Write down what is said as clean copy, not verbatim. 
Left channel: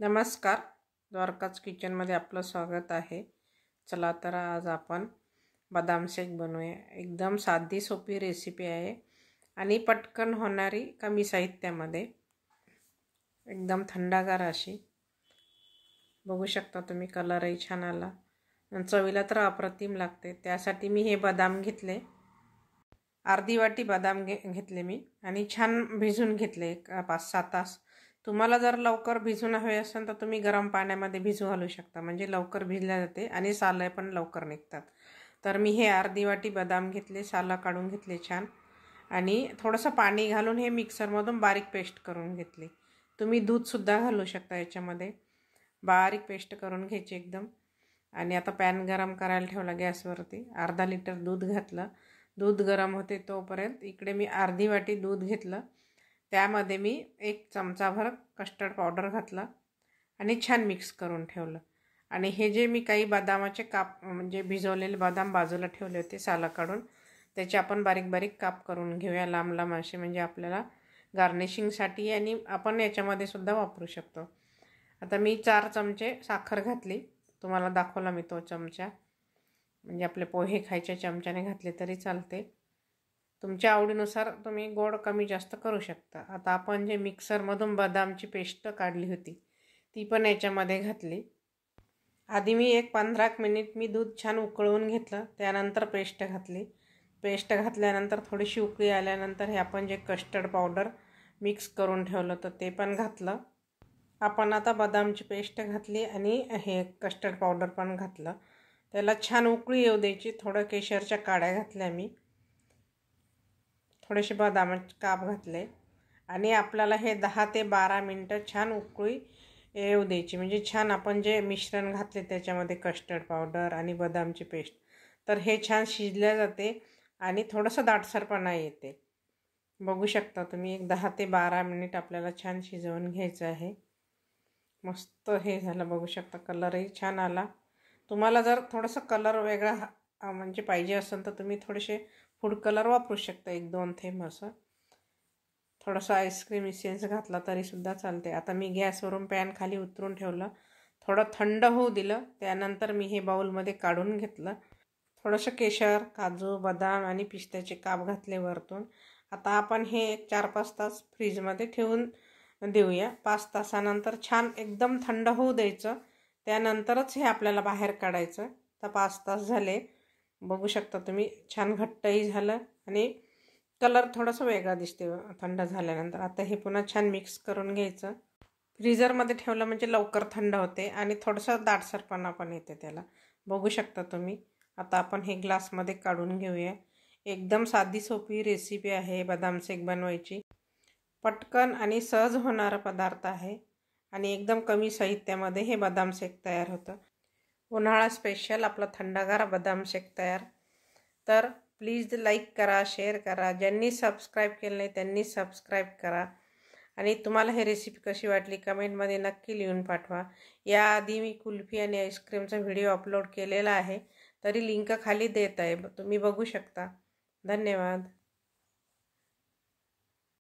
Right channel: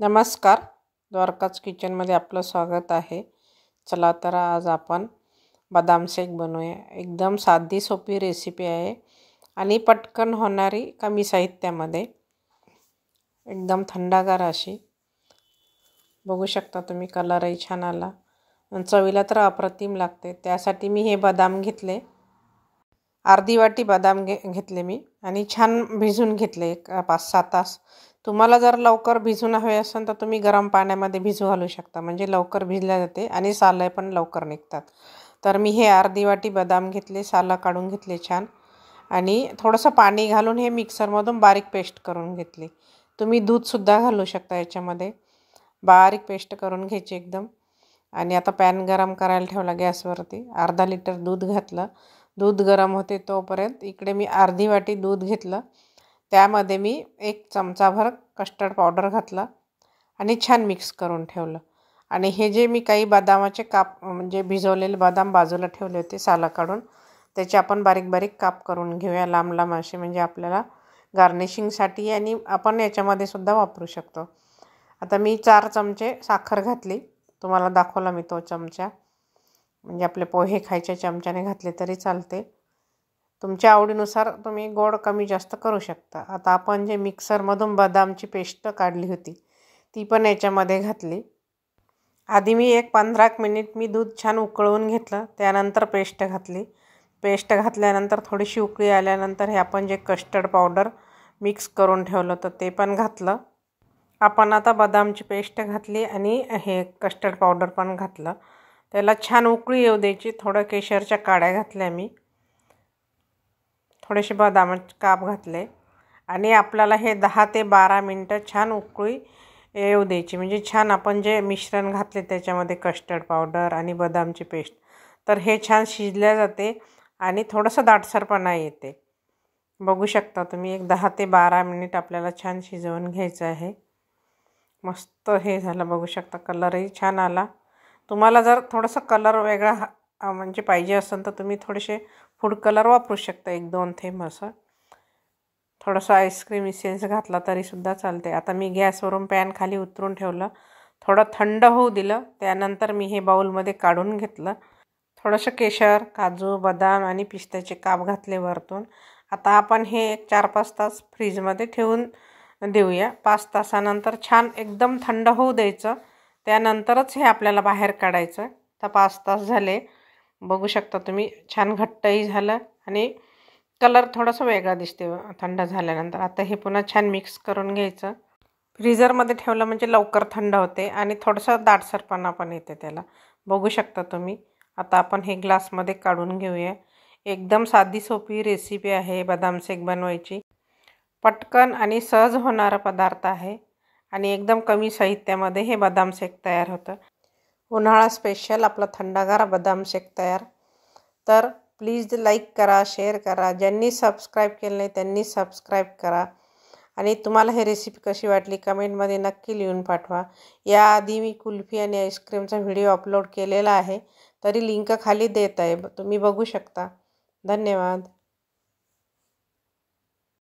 नमस्कार, द्वारकाच किचनमध्ये आपलं स्वागत आहे। चला तर आज आपण बदाम शेक बनवूया। एकदम साधी सोपी रेसिपी आहे आणि पटकन होणारी, कमी साहित्यामध्ये एकदम थंडगार अशी। बघू शकता तुम्ही, कलरही छान आला, चवीला तर अप्रतिम लागते। त्यासाठी मी हे बदाम घेतले, अर्धी वाटी बदाम घेतले मी आणि छान भिजून घेतले 5-6 तास। तुम्हाला जर लवकर भिजून हवे असेल तर तुम्ही गरम पाण्यामध्ये भिजू घालू शकता, म्हणजे लवकर भिजल्या जाते आणि सालं पण लवकर निघतात। तर मी हे अर्धी वाटी बदाम घेतले, सालं काढून घेतले छान आणि थोडंसं पाणी घालून हे मिक्सरमधून बारीक पेस्ट करून घेतली। तुम्ही दूधसुद्धा घालू शकता याच्यामध्ये, बारीक पेस्ट करून घ्यायची एकदम। आणि आता पॅन गरम करायला ठेवला गॅसवरती, अर्धा लिटर दूध घातलं। दूध गरम होते तोपर्यंत इकडे मी अर्धी वाटी दूध घेतलं, त्यामध्ये मी 1 चमचाभर कस्टर्ड पावडर घातला आणि छान मिक्स करून ठेवलं। आणि हे जे मी काही बदामाचे काप, म्हणजे भिजवलेले बदाम बाजूला ठेवले होते सालं काढून, त्याचे आपण बारीक बारीक काप करून घेऊया, लांब लांब असे, म्हणजे आपल्याला गार्निशिंगसाठी आणि आपण याच्यामध्ये सुद्धा वापरू शकतो। आता मी 4 चमचे साखर घातली, तुम्हाला दाखवला मी तो चमचा, म्हणजे आपले पोहे खायच्या चमच्याने घातले तरी चालते। तुमच्या आवडीनुसार तुम्ही गोड कमी जास्त करू शकता। आता आपण जे मिक्सरमधून बदामची पेस्ट काढली होती ती पण याच्यामध्ये घातली। आधी मी 15 मिनिट मी दूध छान उकळवून घेतलं, त्यानंतर पेस्ट घातली। पेस्ट घातल्यानंतर थोडीशी उकळी आल्यानंतर हे आपण जे कस्टर्ड पावडर मिक्स करून ठेवलं होतं ते पण घातलं। आपण आता बदामची पेस्ट घातली आणि हे कस्टर्ड पावडर पण घातलं, त्याला छान उकळी येऊ द्यायची। थोडं केशरच्या काड्या घातल्या मी, थोडेसे बदामाचे काप घातले आणि आपल्याला हे 10 ते 12 मिनटं छान उकळी येऊ द्यायची। म्हणजे छान आपण जे मिश्रण घातले त्याच्यामध्ये कस्टर्ड पावडर आणि बदामची पेस्ट, तर हे छान शिजल्या जाते आणि थोडंसं दाटसरपणा येते। बघू शकता तुम्ही, एक 10 ते 12 मिनिट आपल्याला छान शिजवून घ्यायचं आहे। मस्त हे झालं, बघू शकता कलरही छान आला। तुम्हाला जर थोडंसं कलर वेगळा म्हणजे पाहिजे असेल तर तुम्ही थोडेसे फूड कलर वापरू शकता, 1-2 थेंब असं। थोडंसं आईस्क्रीम इसेन्स घातला तरीसुद्धा चालते। आता मी गॅसवरून पॅन खाली उतरून ठेवलं, थोडं थंड होऊ दिलं, त्यानंतर मी हे बाउलमध्ये काढून घेतलं। थोडंसं केशर, काजू, बदाम आणि पिस्त्याचे काप घातले वरतून। आता आपण हे 4-5 तास फ्रीजमध्ये ठेवून देऊया। 5 तासानंतर छान एकदम थंड होऊ द्यायचं, त्यानंतरच हे आपल्याला बाहेर काढायचं। तर 5 तास झाले, बघू शकता तुम्ही, छान घट्टही झालं आणि कलर थोडासा वेगळा दिसते थंड झाल्यानंतर। आता हे पुन्हा छान मिक्स करून घ्यायचं। फ्रीजरमध्ये ठेवलं म्हणजे लवकर थंड होते आणि थोडंसं दाटसरपणा पण येते त्याला, बघू शकता तुम्ही। आता आपण हे ग्लासमध्ये काढून घेऊया। एकदम साधी सोपी रेसिपी आहे बदाम शेक बनवायची, पटकन आणि सहज होणारा पदार्थ आहे आणि एकदम कमी साहित्यामध्ये हे बदाम शेक तयार होतं। उन्हाळा स्पेशल आपला थंडगार बदाम शेक तयार। तर प्लीज लाईक करा, शेअर करा, ज्यांनी सबस्क्राईब केलं नाही त्यांनी सबस्क्राईब करा आणि तुम्हाला ही रेसिपी कशी वाटली कमेंटमध्ये नक्की लिहून पाठवा। याआधी मी कुल्फी आणि आईस्क्रीमचा व्हिडिओ अपलोड केलेला आहे, तरी लिंक खाली देत आहे, तुम्ही बघू शकता। धन्यवाद।